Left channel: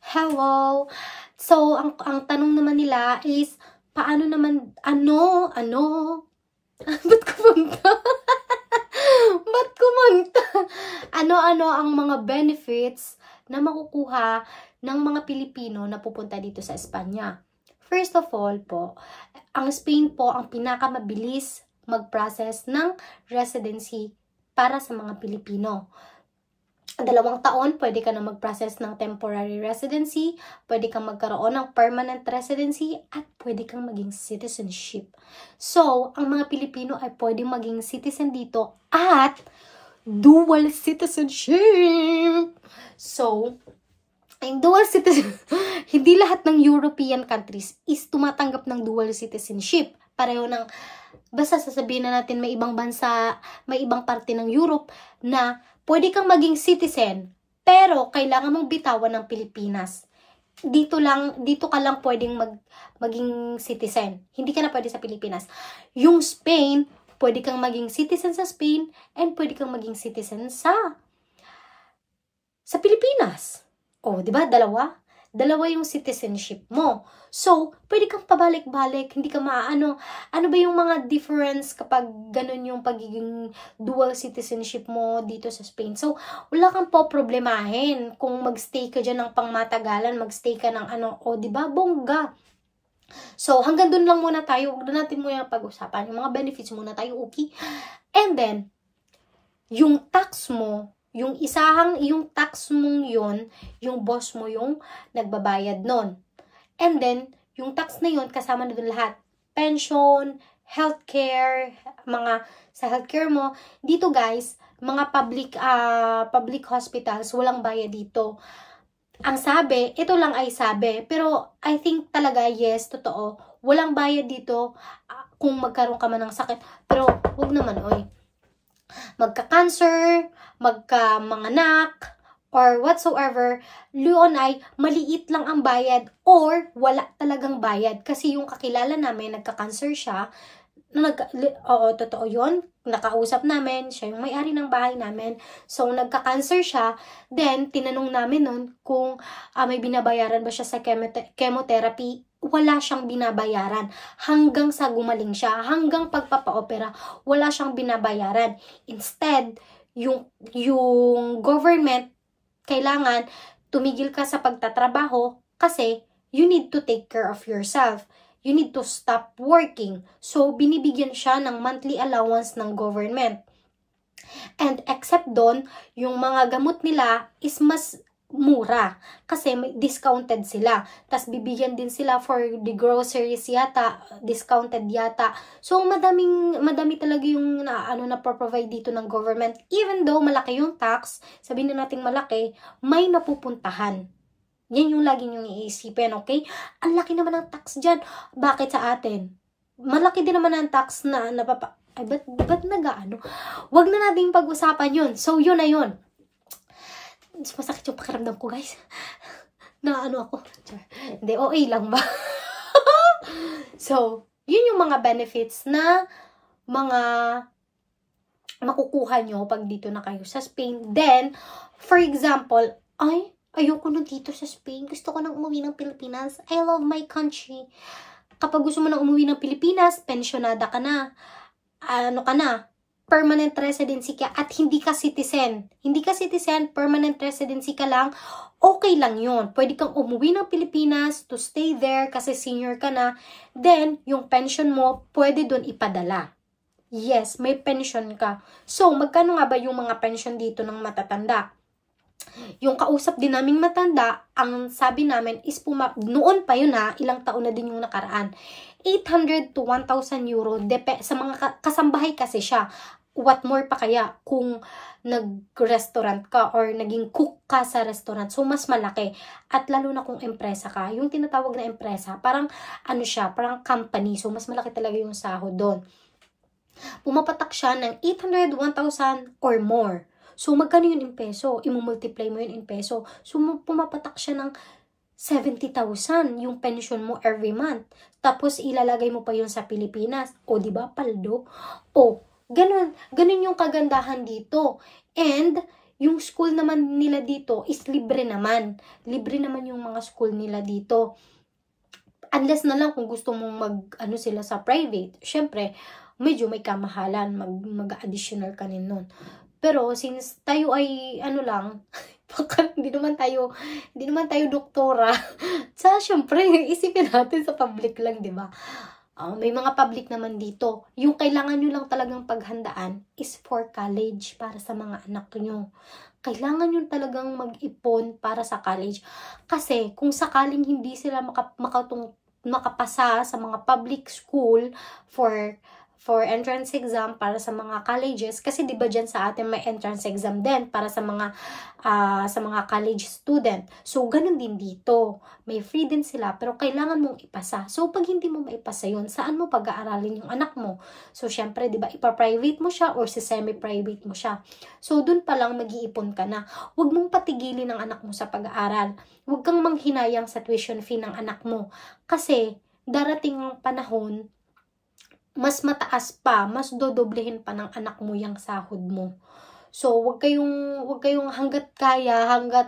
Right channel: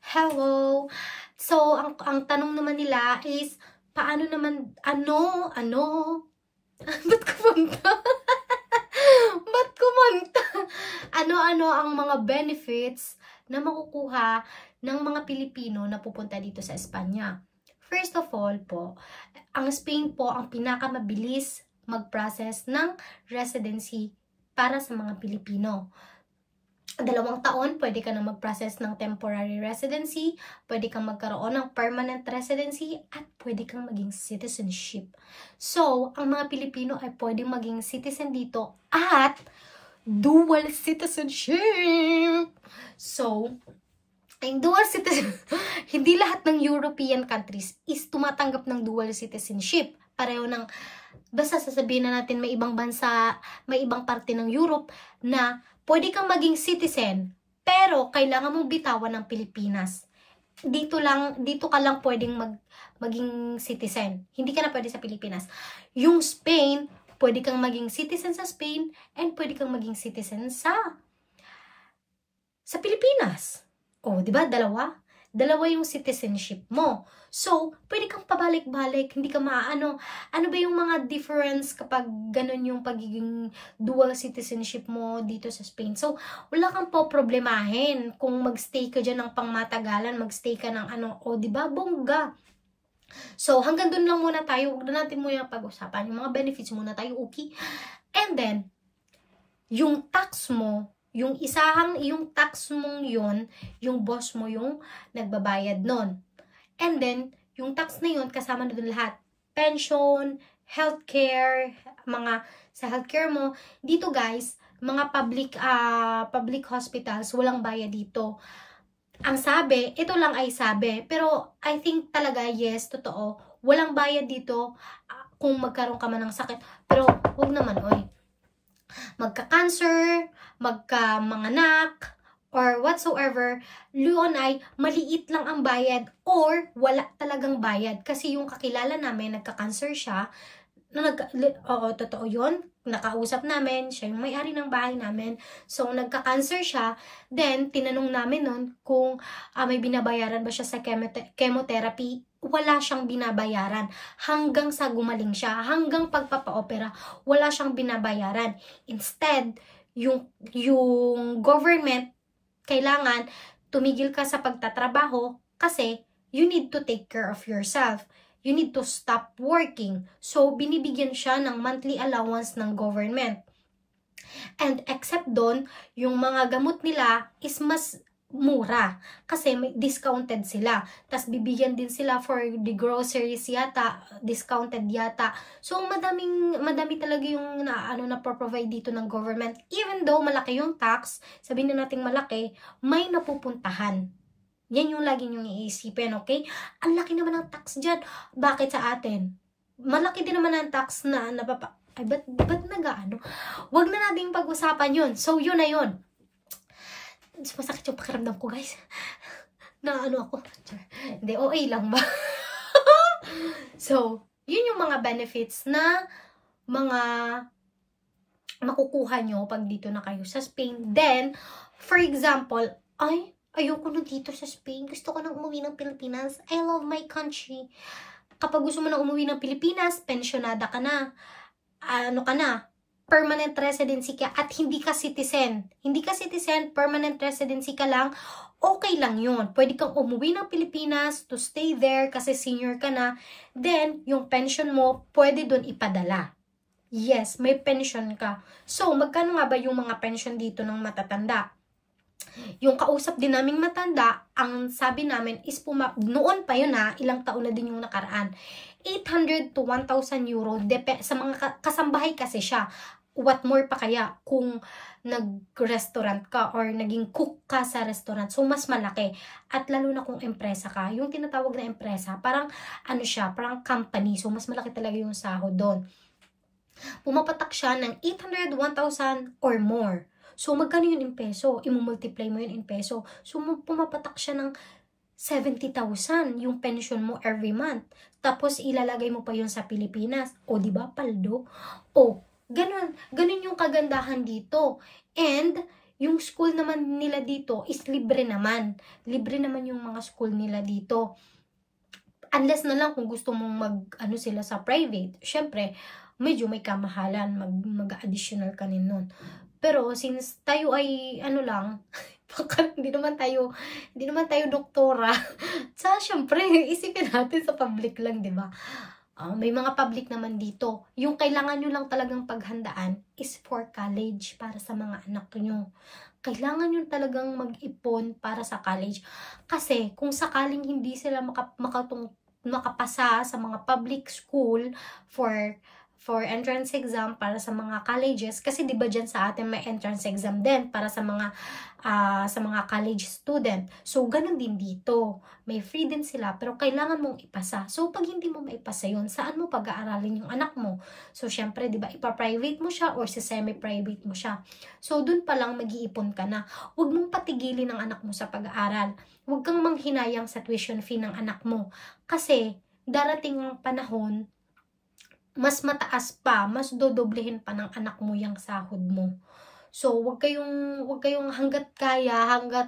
Hello! So, ang tanong naman nila is, paano naman, ba't kumunta? Ba't kumunta? Ano-ano ang mga benefits na makukuha ng mga Pilipino na pupunta dito sa Espanya? First of all po, ang Spain po ang pinakamabilis mag-process ng residency para sa mga Pilipino. 2 taon, pwede ka na mag-process ng temporary residency, pwede kang magkaroon ng permanent residency, at pwede kang maging citizenship. So, ang mga Pilipino ay pwede maging citizen dito at dual citizenship. So, ang dual citizenship, hindi lahat ng European countries is tumatanggap ng dual citizenship. Pareho ng, basta sasabihin na natin may ibang bansa, may ibang parte ng Europe na pwede kang maging citizen, pero kailangan mong bitawan ng Pilipinas. Dito ka lang pwedeng maging citizen. Hindi ka na pwede sa Pilipinas. Yung Spain, pwede kang maging citizen sa Spain, and pwede kang maging citizen sa Pilipinas. Oh, di ba? Dalawa yung citizenship mo. So, pwede kang pabalik-balik, hindi ka maano. Ano ba yung mga difference kapag ganun yung pagiging dual citizenship mo dito sa Spain? So, wala kang po problemahin kung magstay ka dyan ng pangmatagalan, magstay ka ng diba? Bongga. So, hanggang dun lang muna tayo. Huwag na natin muna pag-usapan. Yung mga benefits muna tayo, okay? And then, yung tax mo, yung tax mong yun, yung boss mo yung nagbabayad nun. And then, yung tax na yun, kasama na dun lahat. Pension, healthcare, sa healthcare mo. Dito guys, mga public hospitals, walang bayad dito. Ang sabi, ito lang ay sabi, pero I think talaga, yes, totoo, walang bayad dito kung magkaroon ka man ng sakit. Pero, wag naman, oy. Magka-cancer, magka-manganak, or whatsoever, yun ay maliit lang ang bayad or wala talagang bayad. Kasi yung kakilala namin, nagka-cancer siya, totoo yun, nakausap namin, siya yung may-ari ng bahay namin, so nagka-cancer siya, then tinanong namin nun kung may binabayaran ba siya sa chemotherapy. Wala siyang binabayaran hanggang sa gumaling siya, hanggang pagpapa-opera, wala siyang binabayaran. Instead, yung government, kailangan tumigil ka sa pagtatrabaho kasi you need to take care of yourself. You need to stop working. So, binibigyan siya ng monthly allowance ng government. And except doon, yung mga gamot nila is mas mura kasi may discounted sila. Tas bibigyan din sila for the groceries yata, discounted yata. So madami talaga yung na-provide dito ng government. Even though malaki yung tax, sabihin na nating malaki, may napupuntahan. Yan yung lagi nyong iisipin, okay? Ang laki naman ng tax dyan. Bakit sa atin? Malaki din naman ang tax na ay, ba't nag-ano? Huwag na natin pag-usapan yun. So, yun na yun. Masakit yung pakiramdam ko, guys. Na ako. Hindi, okay lang ba? So, yun yung mga benefits na mga makukuha nyo pag dito na kayo sa Spain. Then, for example, ayoko na dito sa Spain. Gusto ko nang umuwi ng Pilipinas. I love my country. Kapag gusto mo nang umuwi ng Pilipinas, pensionada ka na. Permanent residency ka at hindi ka citizen. Hindi ka citizen, permanent residency ka lang, okay lang yun. Pwede kang umuwi ng Pilipinas to stay there kasi senior ka na. Then, yung pension mo, pwede dun ipadala. Yes, may pension ka. So, magkano nga ba yung mga pension dito ng matatanda? Yung kausap din naming matanda, ang sabi namin is noon pa yun ilang taon na din yung nakaraan. 800 to 1,000 euro sa mga kasambahay kasi siya. What more pa kaya kung nag-restaurant ka or naging cook ka sa restaurant. So, mas malaki. At lalo na kung empresa ka. Yung tinatawag na empresa, parang parang company. So, mas malaki talaga yung sahod doon. Pumapatak siya ng 800, 1,000 or more. So, magkano yun in peso? Imumultiply mo yun in peso. So, pumapatak siya ng 70,000 yung pension mo every month. Tapos, ilalagay mo pa yun sa Pilipinas. O, diba, paldo? O, ganun yung kagandahan dito. And, Yung school naman nila dito is libre naman. Libre naman yung mga school nila dito. Unless na lang kung gusto mong ano sila sa private, syempre, medyo may kamahalan, mag-additional ka rin nun. Pero since tayo ay ano lang, baka hindi naman tayo doktora. Sa syempre, isipin natin sa public lang, 'di ba? May mga public naman dito. Yung kailangan nyo lang talagang paghandaan is for college para sa mga anak nyo. Kailangan nyo talagang mag-ipon para sa college. Kasi kung sakaling hindi sila makapasa sa mga public school for entrance exam para sa mga colleges, kasi 'di ba diyan sa atin may entrance exam din para sa mga college student. So ganun din dito. May free din sila pero kailangan mong ipasa. So pag hindi mo maipasa 'yon, saan mo pag-aaralin yung anak mo? So syempre 'di ba ipa-private mo siya or sa semi-private mo siya. So dun pa lang mag-iipon ka na. Huwag mong patigilin ang anak mo sa pag-aaral. Huwag kang manghinayang sa tuition fee ng anak mo kasi darating ang panahon mas mataas pa, mas dodoblehin pa ng anak mo yung sahod mo. So, wag kayong hanggat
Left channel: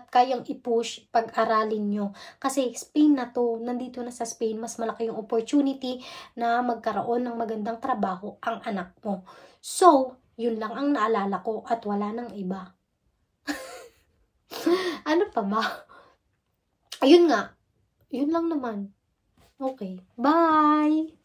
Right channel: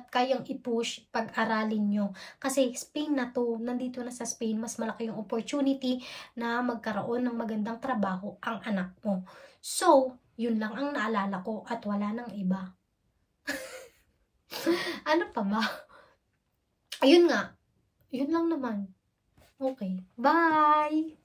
kayang i-push, pag-aralin nyo. Kasi Spain na to, nandito na sa Spain, mas malaki yung opportunity na magkaroon ng magandang trabaho ang anak mo. So, yun lang ang naalala ko at wala nang iba. Ano pa ba? Ayun nga, yun lang naman. Okay, bye!